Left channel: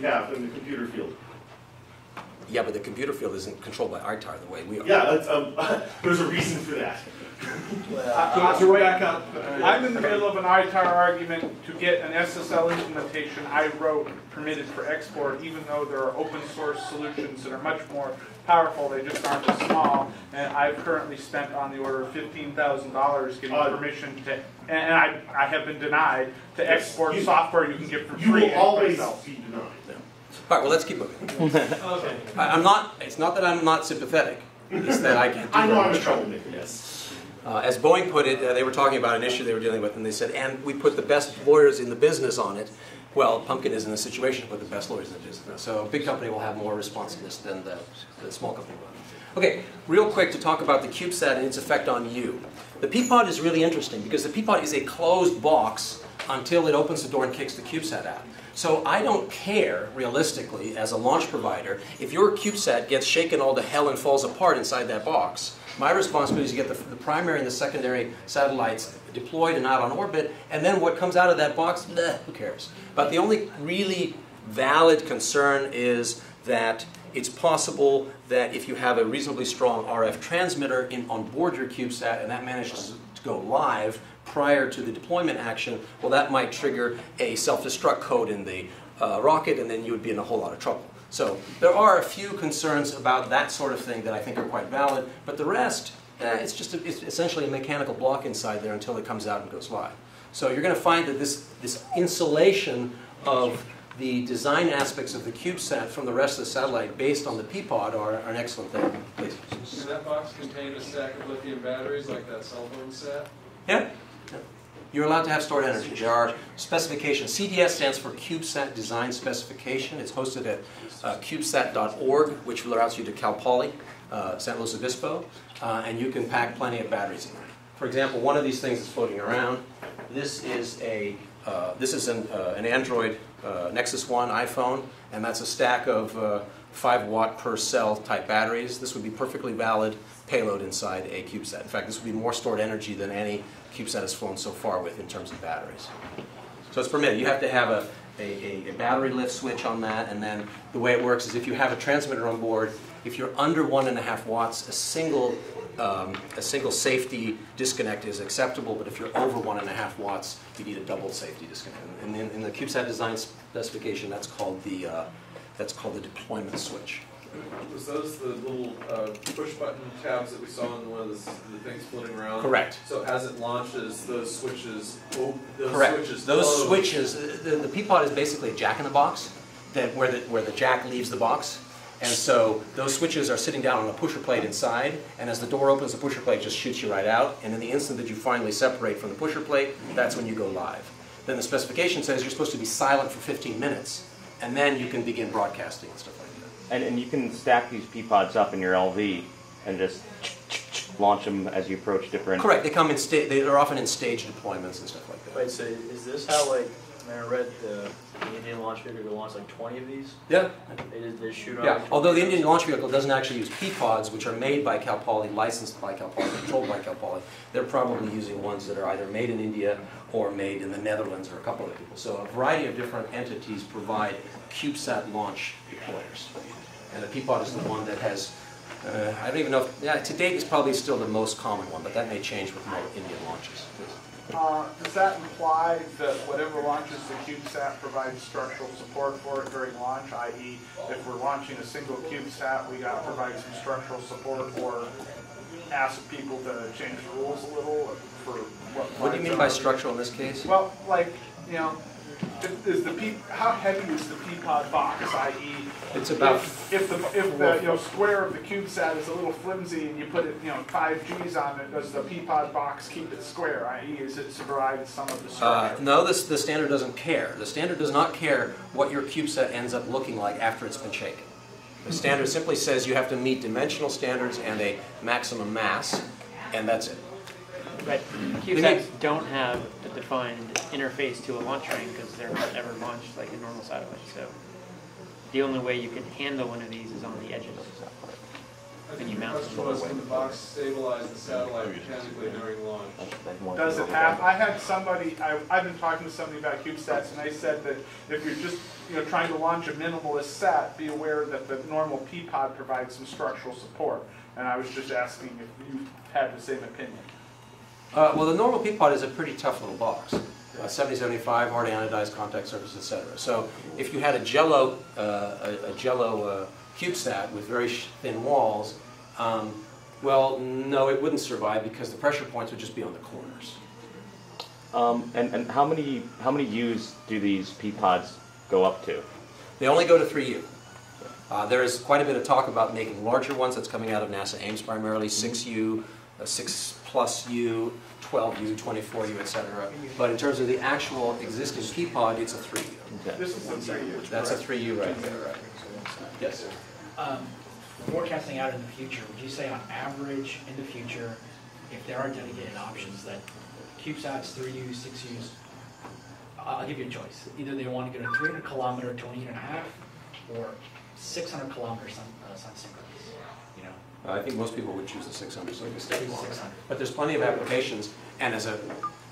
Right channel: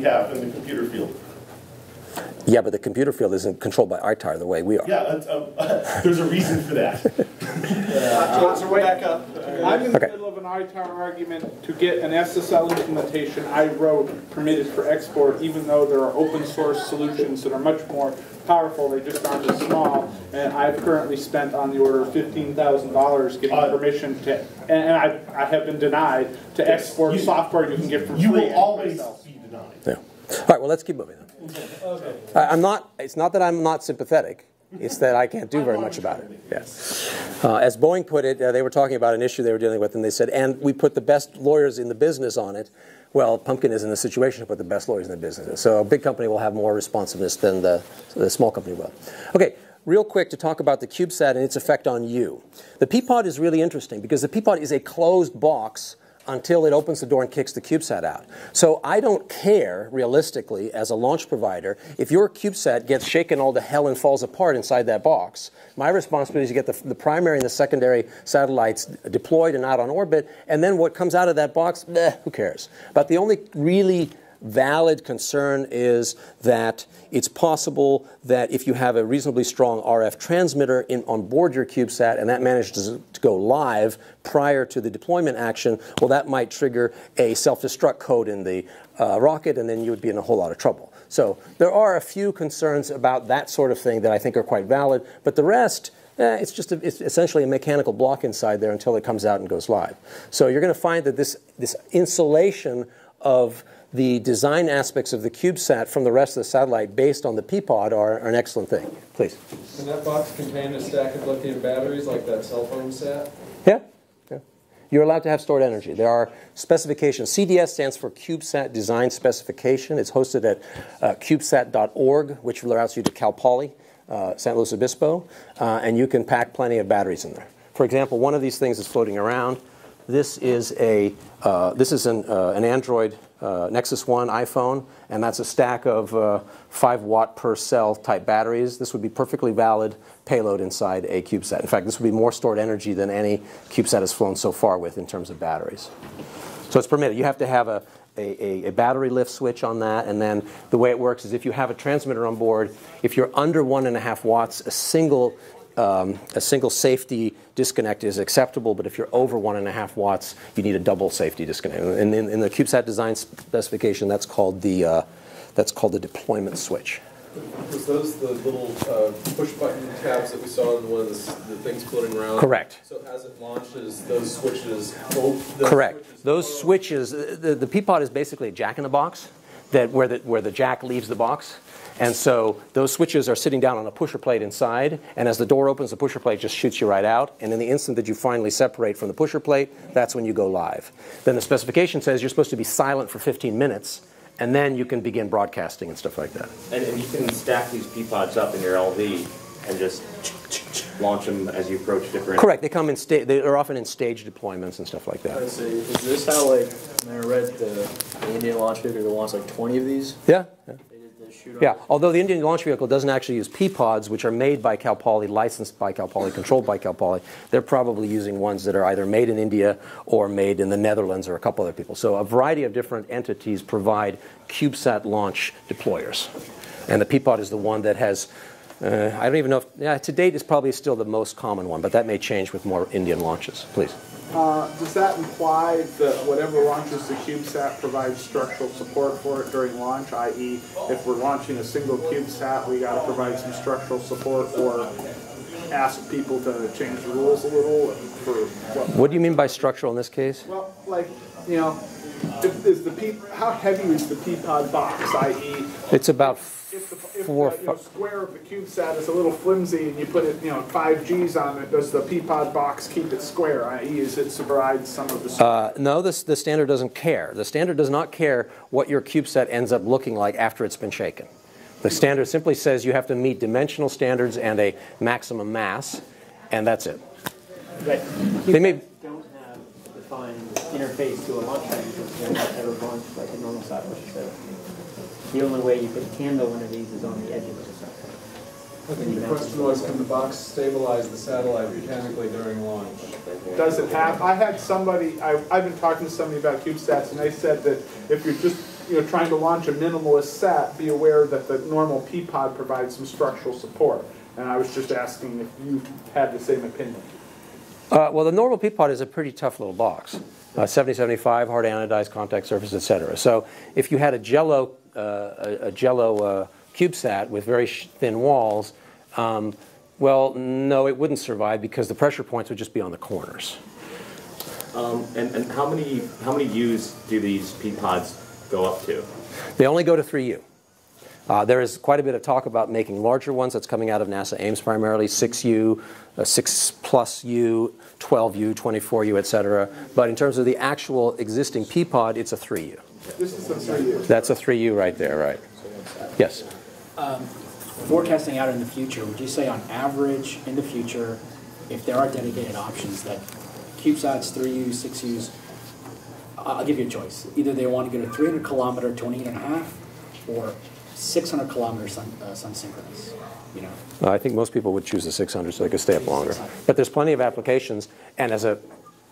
we have in the computer field. Yeah, but the computer field isn't controlled by ITAR the way we are. Yeah, there's a reason for that. I'm in the middle of an ITAR argument to get an SSL implementation I wrote permitted for export, even though there are open source solutions that are much more powerful. They just aren't as small. And I've currently spent on the order of $15,000 getting permission to, and I have been denied to export software you can get for free. You will always be denied. Yeah. All right, well, let's keep moving. Okay. It's not that I'm not sympathetic. It's that I can't do very much about it. Yes. As Boeing put it, they were talking about an issue they were dealing with, and they said, and we put the best lawyers in the business on it. Well, Pumpkin is in the situation to put the best lawyers in the business. So a big company will have more responsiveness than the small company will. Okay, real quick to talk about the CubeSat and its effect on you. The Peapod is really interesting because the Peapod is a closed box until it opens the door and kicks the CubeSat out. So I don't care, realistically, as a launch provider, if your CubeSat gets shaken all to hell and falls apart inside that box. My responsibility is to get the primary and the secondary satellites deployed and out on orbit, and then what comes out of that box, who cares? But the only really valid concern is that it's possible that if you have a reasonably strong RF transmitter on board your CubeSat and that manages to go live prior to the deployment action, well, that might trigger a self-destruct code in the rocket, and then you would be in a whole lot of trouble. So there are a few concerns about that sort of thing that I think are quite valid, but the rest, it's essentially a mechanical block inside there until it comes out and goes live. So you're going to find that this insulation of the design aspects of the CubeSat from the rest of the satellite based on the Peapod are an excellent thing. Please. Can that box contain a stack of lithium batteries like that cell phone sat? Yeah. You're allowed to have stored energy. There are specifications. CDS stands for CubeSat Design Specification. It's hosted at CubeSat.org, which routes you to Cal Poly, San Luis Obispo, and you can pack plenty of batteries in there. For example, one of these things is floating around. This is an Android Nexus 1 iPhone, and that's a stack of 5 watt per cell type batteries. This would be perfectly valid payload inside a CubeSat. In fact, this would be more stored energy than any CubeSat has flown so far with in terms of batteries. So it's permitted. You have to have a battery lift switch on that, and then the way it works is if you have a transmitter on board, if you're under 1.5 watts, a single safety disconnect is acceptable, but if you're over 1.5 watts, you need a double safety disconnect. And in the CubeSat design specification, that's called the deployment switch. Was those the little push button tabs that we saw in one of the things floating around? Correct. So as it launches, those switches. Correct. Those switches. The Peapod is basically a jack in the box, where the jack leaves the box. And so those switches are sitting down on a pusher plate inside, and as the door opens, the pusher plate just shoots you right out. And in the instant that you finally separate from the pusher plate, that's when you go live. Then the specification says you're supposed to be silent for 15 minutes, and then you can begin broadcasting and stuff like that. And you can stack these Peapods up in your LV and just launch them as you approach different... Correct. They come in they're often in stage deployments and stuff like that. I see. Is this how, like, when I read the Indian launch vehicle launched like 20 of these? Yeah. They shoot off? Yeah, although the Indian launch vehicle doesn't actually use Peapods, which are made by Cal Poly, licensed by Cal Poly, controlled by Cal Poly. They're probably using ones that are either made in India or made in the Netherlands or a couple other people. So a variety of different entities provide CubeSat launch deployers. And the Peapod is the one that has, I don't even know if, to date it's probably still the most common one, but that may change with more Indian launches. Please. Does that imply that whatever launches the CubeSat provides structural support for it during launch, i.e. if we're launching a single CubeSat, we got to provide some structural support or ask people to change the rules a little? What do you mean by structural in this case? Well, like, you know, how heavy is the Peapod box, i.e. It's about if the square of the CubeSat is a little flimsy and you put it 5 G's on it, does the Peapod box keep it square, i.e. is it provide some of the structure? No, the standard doesn't care. The standard does not care what your CubeSat ends up looking like after it's been shaken. The standard simply says you have to meet dimensional standards and a maximum mass, and that's it. But CubeSats don't have a defined interface to a launch ring because they're not ever launched like a normal satellite. So the only way you can handle one of these is on the edges of the satellite. I think the question was, can the box stabilize the satellite mechanically during launch? Does it have? I had somebody, I've been talking to somebody about CubeSats, and they said that if you're just trying to launch a minimalist sat, be aware that the normal P-pod provides some structural support. And I was just asking if you had the same opinion. Well, the normal P-pod is a pretty tough little box. 7075, hard anodized contact surface, etc. So if you had a Jello CubeSat with very thin walls, well, no, it wouldn't survive because the pressure points would just be on the corners. And how many U's do these P-pods go up to? They only go to 3U. There is quite a bit of talk about making larger ones. That's coming out of NASA Ames primarily, 6U, 6+U, 12U, 24U, etc. But in terms of the actual existing P-pod, it's a 3U. This is the 3U. That's a 3U right there, right? Yes. Forecasting out in the future, would you say on average in the future, if there are dedicated options that CubeSats, 3Us, 6Us, I'll give you a choice. Either they want to go to 300 kilometer, 28.5, or 600 kilometers sun synchronous. I think most people would choose the 600 so they could stay up longer. But there's plenty of applications, and as a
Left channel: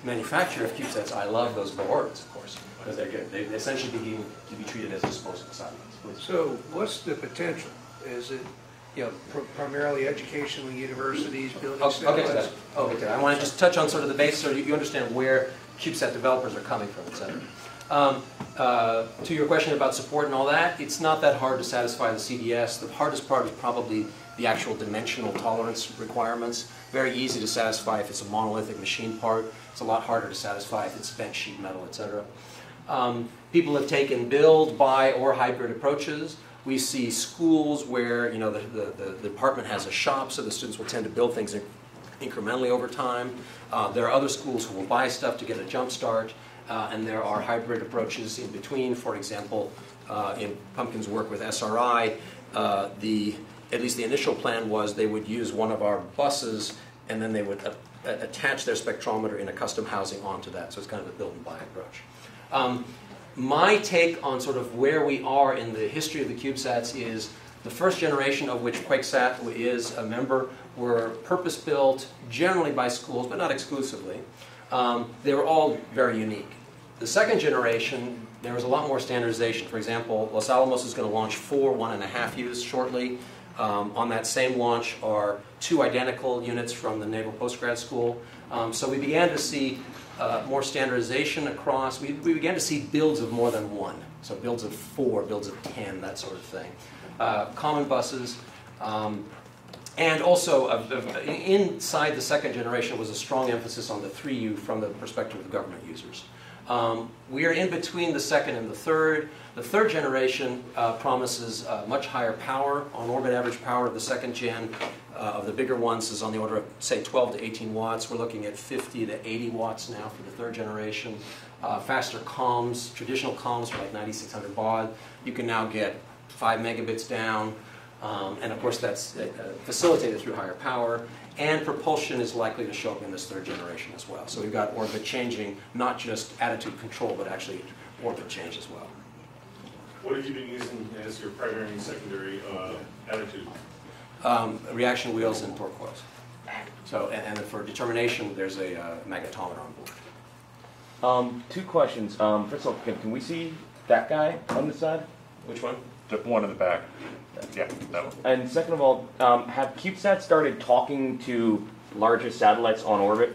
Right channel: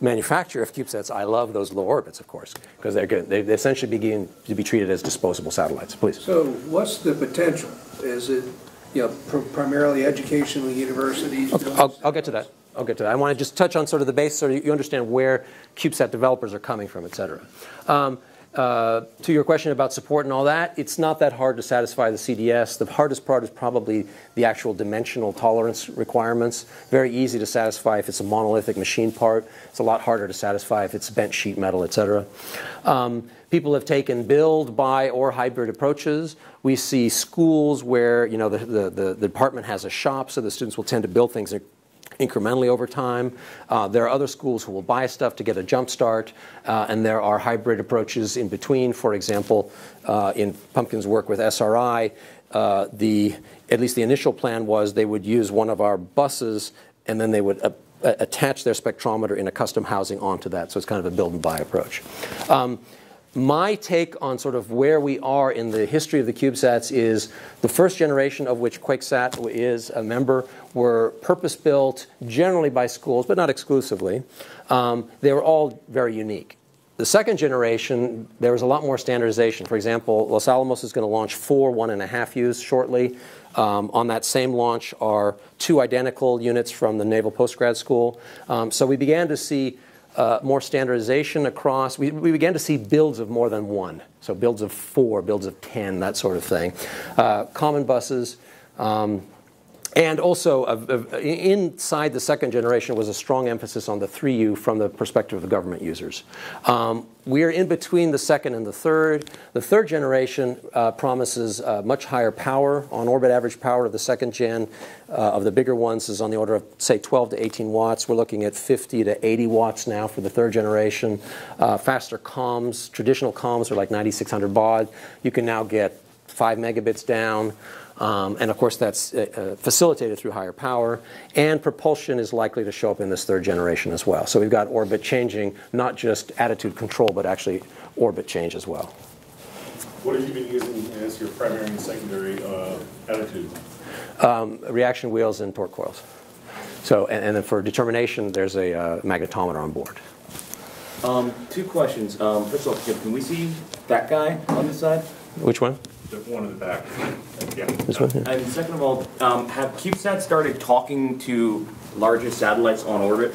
manufacturer of CubeSats, I love those low orbits, of course, because they're good. They essentially begin to be treated as disposable satellites. Please. So what's the potential? Is it primarily educational universities? I'll get to that. I'll get to that. I want to just touch on sort of the base so you understand where CubeSat developers are coming from, et cetera. To your question about support and all that, it's not that hard to satisfy the CDS. The hardest part is probably the actual dimensional tolerance requirements. Very easy to satisfy if it's a monolithic machine part. It's a lot harder to satisfy if it's bent sheet metal, et cetera. People have taken build, buy, or hybrid approaches. We see schools where the department has a shop, so the students will tend to build things incrementally over time. There are other schools who will buy stuff to get a jump start, and there are hybrid approaches in between. For example, in Pumpkin's work with SRI, at least the initial plan was they would use one of our buses, and then they would attach their spectrometer in a custom housing onto that. So it's kind of a build and buy approach. My take on sort of where we are in the history of the CubeSats is the first generation of which QuakeSat is a member were purpose-built generally by schools, but not exclusively. They were all very unique. The second generation, there was a lot more standardization. For example, Los Alamos is going to launch 4 1.5Us shortly. On that same launch are 2 identical units from the Naval Postgrad School. So we began to see more standardization across. We began to see builds of more than one. So builds of 4, builds of 10, that sort of thing. Common buses. And also, inside the second generation was a strong emphasis on the 3U from the perspective of the government users. We are in between the second and the third. The third generation promises much higher power, on-orbit average power. The second gen of the bigger ones is on the order of, say, 12 to 18 watts. We're looking at 50 to 80 watts now for the third generation. Faster comms. Traditional comms are like 9600 baud. You can now get 5 megabits down. And of course, that's facilitated through higher power. And propulsion is likely to show up in this third generation as well. So we've got orbit changing, not just attitude control, but actually orbit change as well. What have you been using as your primary and secondary attitude? Reaction wheels and torque coils. So, and then for determination, there's a magnetometer on board. 2 questions. First of all, can we see that guy on the side? Which one? The one in the back. Yeah. This one here? And second of all, have CubeSats started talking to larger satellites on orbit?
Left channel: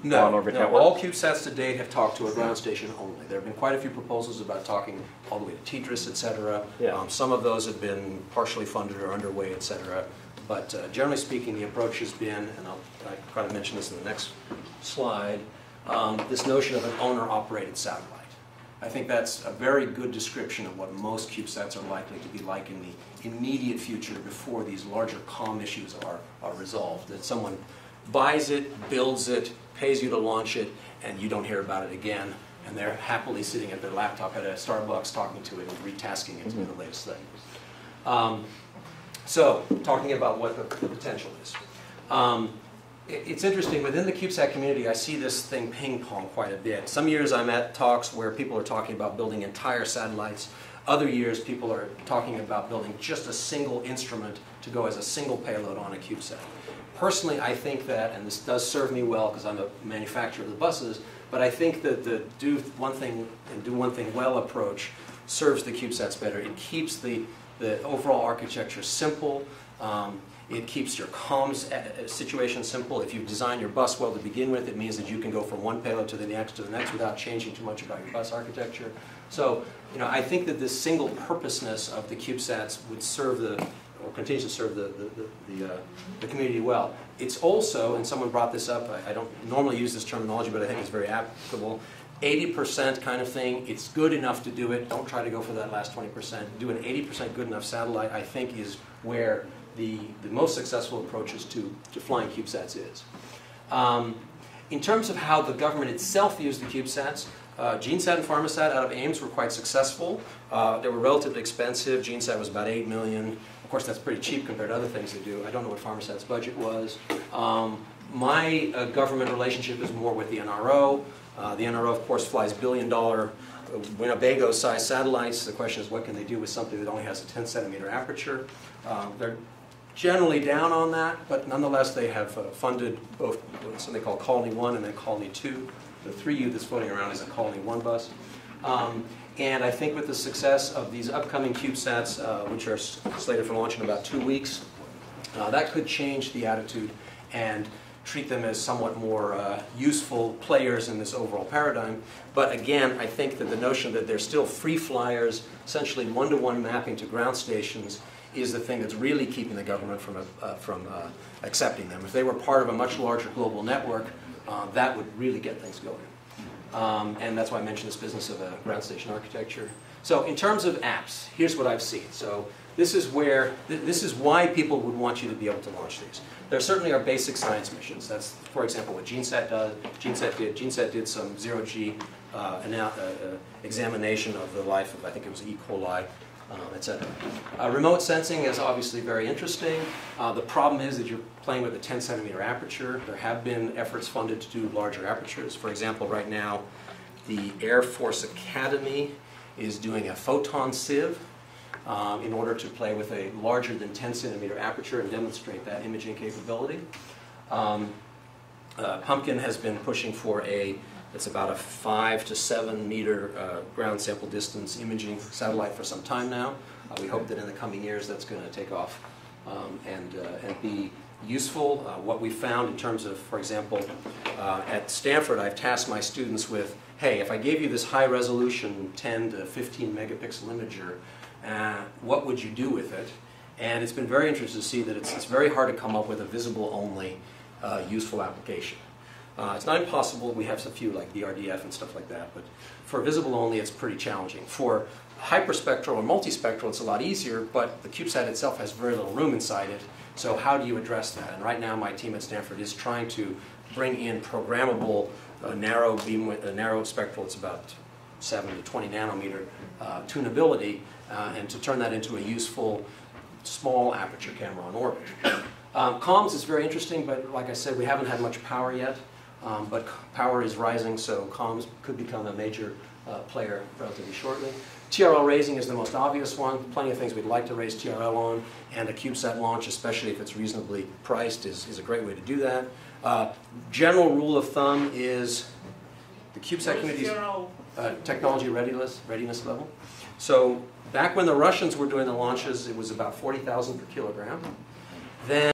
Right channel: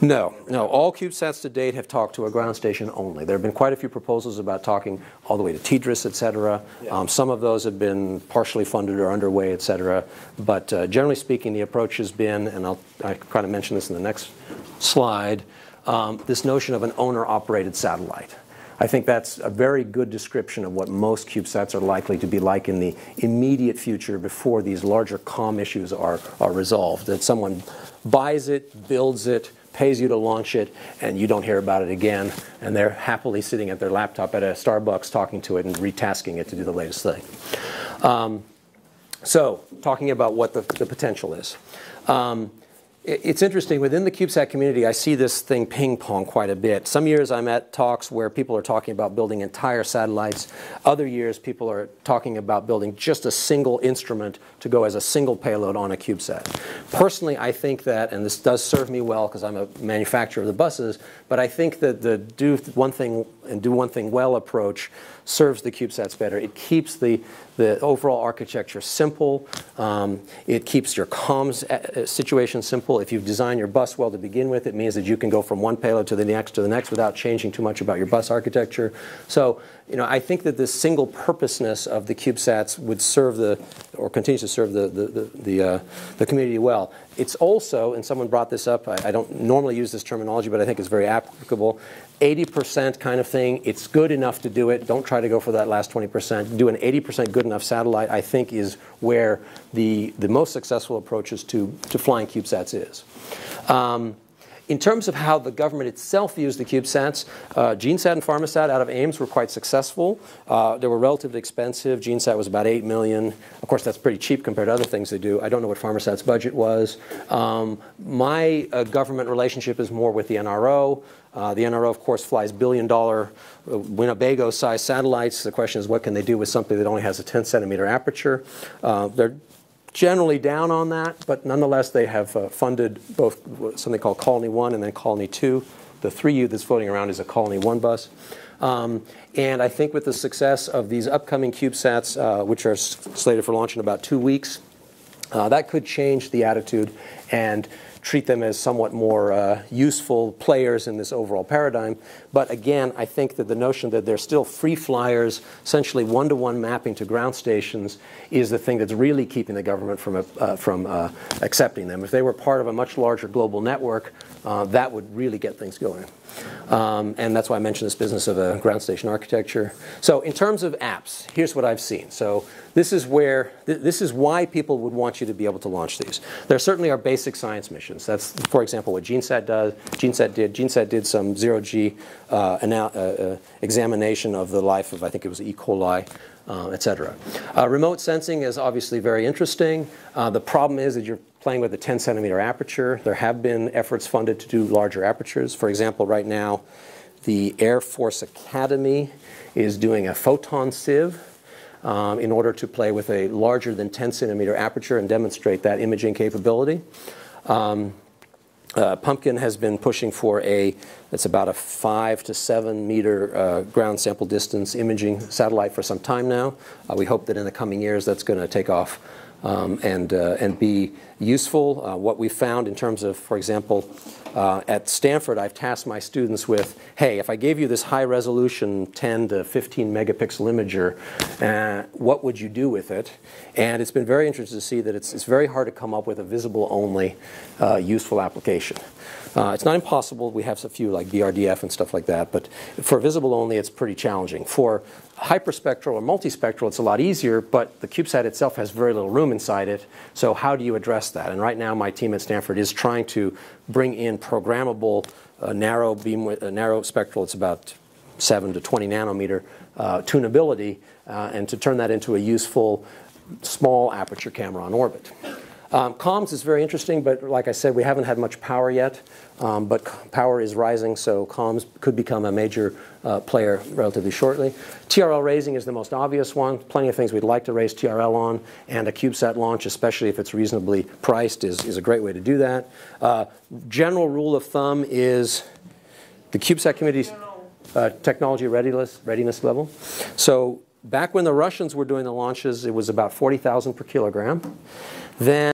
No. All CubeSats to date have talked to a ground station only. There have been quite a few proposals about talking all the way to TDRS, et cetera. Yeah. Some of those have been partially funded or underway, et cetera. But generally speaking, the approach has been, and I'll kind of mention this in the next slide, this notion of an owner-operated satellite. I think that's a very good description of what most CubeSats are likely to be like in the immediate future before these larger comm issues are resolved. That someone buys it, builds it, pays you to launch it, and you don't hear about it again. And they're happily sitting at their laptop at a Starbucks talking to it and retasking it to do the latest thing. So, talking about what the potential is. It's interesting, within the CubeSat community, I see this thing ping-pong quite a bit. Some years I'm at talks where people are talking about building entire satellites. Other years people are talking about building just a single instrument to go as a single payload on a CubeSat. Personally, I think that, and this does serve me well because I'm a manufacturer of the buses, but I think that the do one thing and do one thing well approach serves the CubeSats better. It keeps the overall architecture simple. It keeps your comms situation simple. If you've designed your bus well to begin with, it means that you can go from one payload to the next without changing too much about your bus architecture. So, I think that this single purposeness of the CubeSats would serve or continues to serve the community well. It's also, and someone brought this up, I don't normally use this terminology, but I think it's very applicable, 80% kind of thing. It's good enough to do it. Don't try to go for that last 20%. Do an 80% good enough satellite, I think, is where the most successful approaches to flying CubeSats is. In terms of how the government itself views the CubeSats, GeneSat and PharmaSat out of Ames were quite successful. They were relatively expensive. GeneSat was about $8 million. Of course, that's pretty cheap compared to other things they do. I don't know what PharmaSat's budget was. My government relationship is more with the NRO. The NRO, of course, flies billion-dollar Winnebago-sized satellites. The question is, what can they do with something that only has a 10-centimeter aperture? They're generally down on that, but nonetheless, they have funded both something called Colony 1 and then Colony 2. The 3U that's floating around is a Colony 1 bus. And I think with the success of these upcoming CubeSats, which are slated for launch in about 2 weeks, that could change the attitude and treat them as somewhat more useful players in this overall paradigm. But again, I think that the notion that they're still free flyers, essentially one-to-one mapping to ground stations, is the thing that's really keeping the government from accepting them. If they were part of a much larger global network, that would really get things going. And that's why I mentioned this business of a ground station architecture. So in terms of apps, here's what I've seen. So this is why people would want you to be able to launch these. There certainly are basic science missions. That's, for example, what GeneSat does. GeneSat did some zero-G examination of the life of, I think it was E. coli, etc. Remote sensing is obviously very interesting. The problem is that you're playing with a 10-centimeter aperture. There have been efforts funded to do larger apertures. For example, right now, the Air Force Academy is doing a photon sieve in order to play with a larger than 10-centimeter aperture and demonstrate that imaging capability. Pumpkin has been pushing for it's about a 5 to 7 meter ground sample distance imaging satellite for some time now. We hope that in the coming years that's going to take off and be useful. What we found in terms of, for example, at Stanford, I've tasked my students with, hey, if I gave you this high resolution 10 to 15 megapixel imager, what would you do with it? And it's been very interesting to see that it's very hard to come up with a visible only useful application. It's not impossible. We have a few like BRDF and stuff like that, but for visible only, it's pretty challenging. For hyperspectral and multispectral, it's a lot easier, but the CubeSat itself has very little room inside it. So how do you address that? And right now, my team at Stanford is trying to bring in programmable narrow beam with narrow spectral. It's about 7 to 20 nanometer tunability, and to turn that into a useful small aperture camera on orbit. Comms is very interesting, but like I said, we haven't had much power yet. But power is rising, so comms could become a major player relatively shortly. TRL raising is the most obvious one. Plenty of things we'd like to raise TRL on, and a CubeSat launch, especially if it's reasonably priced, is a great way to do that. General rule of thumb is the CubeSat community's technology readiness level. So back when the Russians were doing the launches, it was about 40,000 per kilogram. Then